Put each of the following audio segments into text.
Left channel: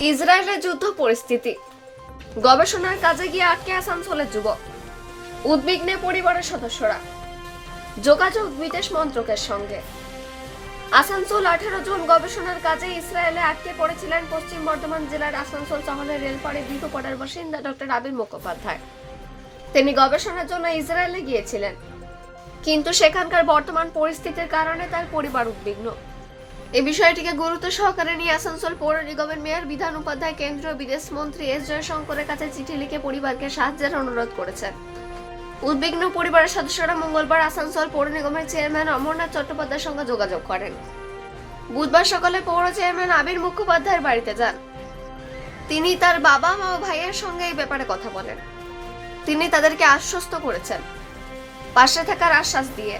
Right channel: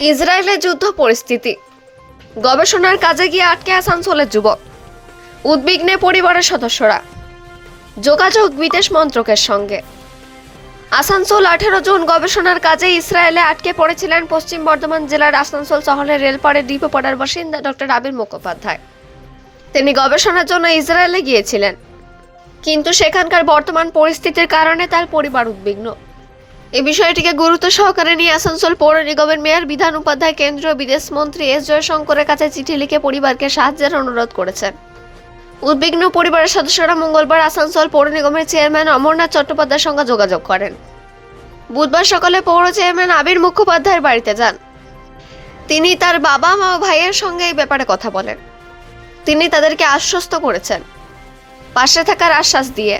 ইসরায়েলের যুদ্ধ পরিস্থিতি। গবেষণার কাজে গিয়ে আটকে আসানসোলের যুবক। উদ্বিগ্নে পরিবারের সদস্যরা। যোগাযোগ বিদেশ মন্ত্রকের সঙ্গে। আসানসোল আঠেরো জন গবেষণার কাজে ইসরায়েলে আটকে পড়েছিলেন পশ্চিম বর্ধমান জেলার আসানসোল শহরের রেলপাড়ে ডিপোপাড়ার বাসিন্দা ডক্টর আবির মুখোপাধ্যায়। তিনি গবেষণার জন্য ইসরায়েলে গিয়েছিলেন। কিন্তু সেখানকার বর্তমান পরিস্থিতির কারণে তার পরিবার উদ্বিগ্ন। এই বিষয়টিকে গুরুত্ব সহকারে নিয়ে আসানসোল পৌর নিগমের মেয়র, বিধান উপাধ্যায়, কেন্দ্রীয় বিদেশ মন্ত্রী এস জয়শঙ্করের কাছে চিঠি লিখে পরিবারকে সাহায্যের অনুরোধ করেছেন। উদ্বিগ্ন পরিবারের সদস্যরা মঙ্গলবার আসানসোল পৌর নিগমের চেয়ারম্যান অমরনাথ চট্টোপাধ্যায়ের সঙ্গে যোগাযোগ করেন। বুধবার সকালে পৌর চেয়ারম্যান আবির মুখোপাধ্যায়ের বাড়িতে যান। তিনি তার বাবা মা ও ভাইয়ের সঙ্গে এই ব্যাপারে কথা বলেন। তিনি তাদেরকে আশ্বস্ত করেছেন। পাশে থাকার আশ্বাস দিয়ে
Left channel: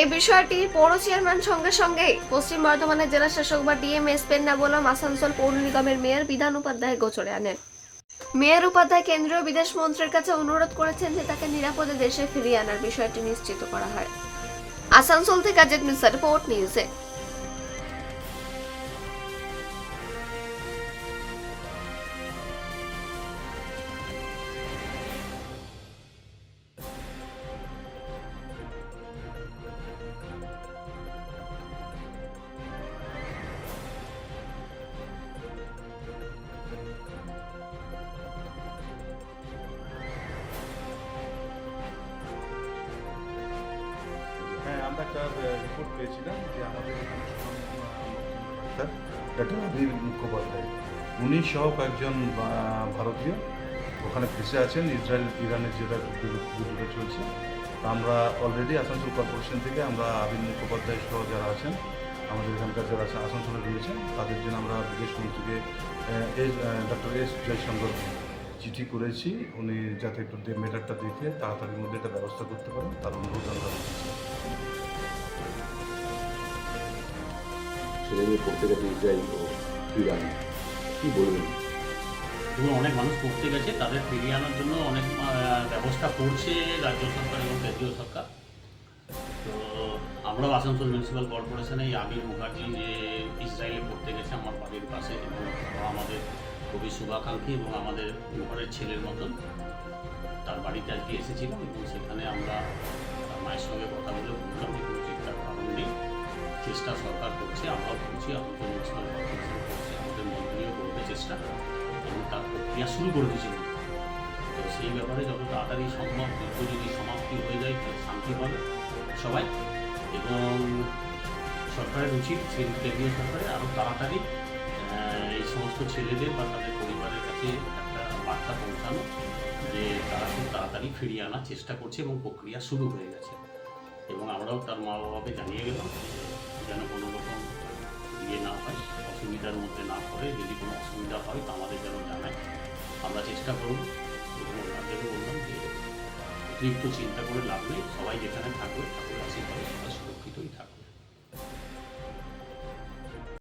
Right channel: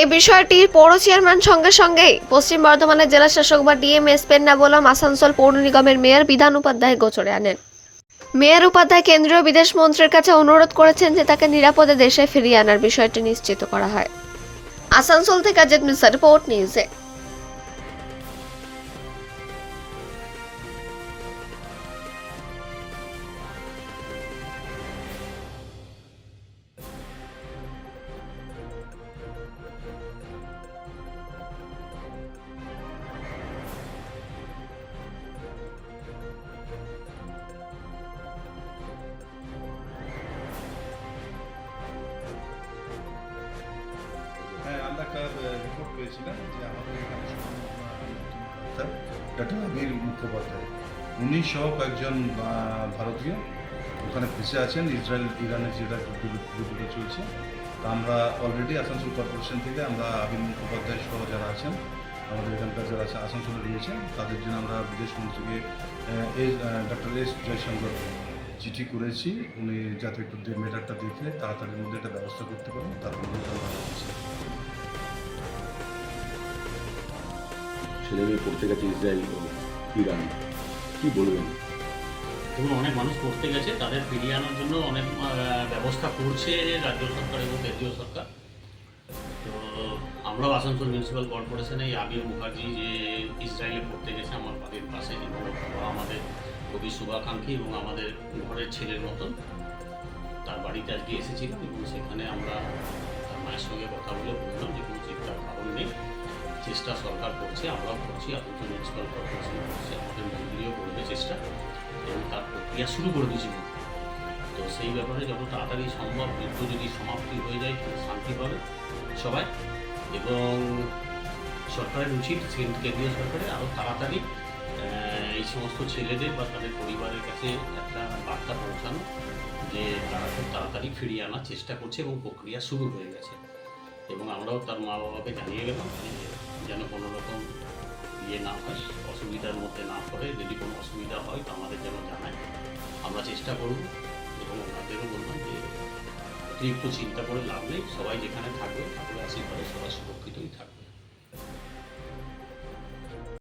এই বিষয়টি পৌর চেয়ারম্যান সঙ্গে সঙ্গে পশ্চিম বর্ধমানের জেলা শাসক বা ডিএমএস পেন্না বলম আসানসোল পৌর নিগমের মেয়র বিধান উপাধ্যায় গোচরে আনেন। মেয়র উপাধ্যায় কেন্দ্রীয় বিদেশ মন্ত্রীর কাছে অনুরোধ করেছেন যে তাকে নিরাপদে দেশে ফিরিয়ে আনার বিষয়টি নিশ্চিত করা হয়। আসানসোল থেকে অজিত মিশ্রা রিপোর্ট নিউজে আমরা একটা রিপোর্ট পেয়েছিলাম যে আমাদের এখানে ডক্টর আবির মুখোপাধ্যায়। উনি সহ কয়েকজন ভারতীয় ওখানে ফেসে আছেন, ইসরায়েল, ইরানের যেটা যুদ্ধ- যুদ্ধটা চলছে। তা আমরা অলরেডি আসানসোল কর্পোরেশন থেকে আমরা আবির মুখোপাধ্যায় সহ যারা আছেন, আমাদের এখানকার যারা আছে আসানসোলে রয়েছেন, তাদের জন্য আমরা বিদেশ মন্ত্রীকে এস ডক্টর এস জয়শঙ্কর চিঠি করেছি। উনি যাতে একটু মেটারটা দেখে তাড়াতাড়ির মধ্যে একটা ব্যবস্থা করতে পারেন, তার অনুরোধ আমরা রেখেছি ছেলেমেয়ে পড়তে গেছে ইসরায়েল ও ইরান। কি বলবেন? এবং অনেক মানুষ পড়তে গেছে, তাদের ফিরিয়ে আনার জন্য অনেক ব্যবস্থা করছে রাজ্য সরকার এবং কেন্দ্রীয় সরকার। তো আমরাও আসানসোল মিউনিসিপ্যাল কর্পোরেশনে আবির মুখার্জি যে ইসরায়েলে পড়তে গেছে, আমার বাড়ির পাশে, এবং আমাদের খুবই শুভাকাঙ্ক্ষী এবং আমাদের ঘরের ছেলের মতন। তার বাড়িতে আজকে এসেছিলাম এবং সেখানে আমরা তার মায়ের সঙ্গে কথা বলে বললাম যে কোনো চিন্তার কারণ নেই। চেষ্টা সরকার করছে আমরাও করছি আসানসোল মিউনিসিপ্যাল কর্পোরেশন করছে আমাদের মন্ত্রীও করবে চেষ্টা। এবং তার প্রক্রিয়া শুরু করে দিয়েছিল তো সেই ব্যাপারে যত তাড়াতাড়ি সম্ভব যুদ্ধ যদি সমাপ্তি হয়ে যায়, তাহলে শান্তি পাবে সবাই। এবং সরকারের উচিত, কেন- কেন্দ্রীয় সরকারের আরও তাড়াতাড়ি এই সমস্ত ছেলেদের বা তাদের পরিবারের কাছে একটা বার্তা পৌঁছানো, যে তারা খুব তাড়াতাড়ি ফিরিয়ে আনার চেষ্টা করছে এবং প্রক্রিয়া শুরু হয়ে গেছে। এবং আমরাও তার মা বাবাকে জানিয়ে গেলাম যেন কোনো রকম ইয়ে না হয়, অসুবিধার মধ্যে না পড়ে। যদি কোনো অসুবিধা হয় তো আমাদের যেন জানায়। আমরা চেষ্টা করব প্রথম ওনাদেরও বললাম যে অতিরিক্ত চিন্তা করে লাভ নেই। সবাই যেখানে থাকবে, ঠাকুরের আশীর্বাদে সবাই সুরক্ষিতই থাকবে।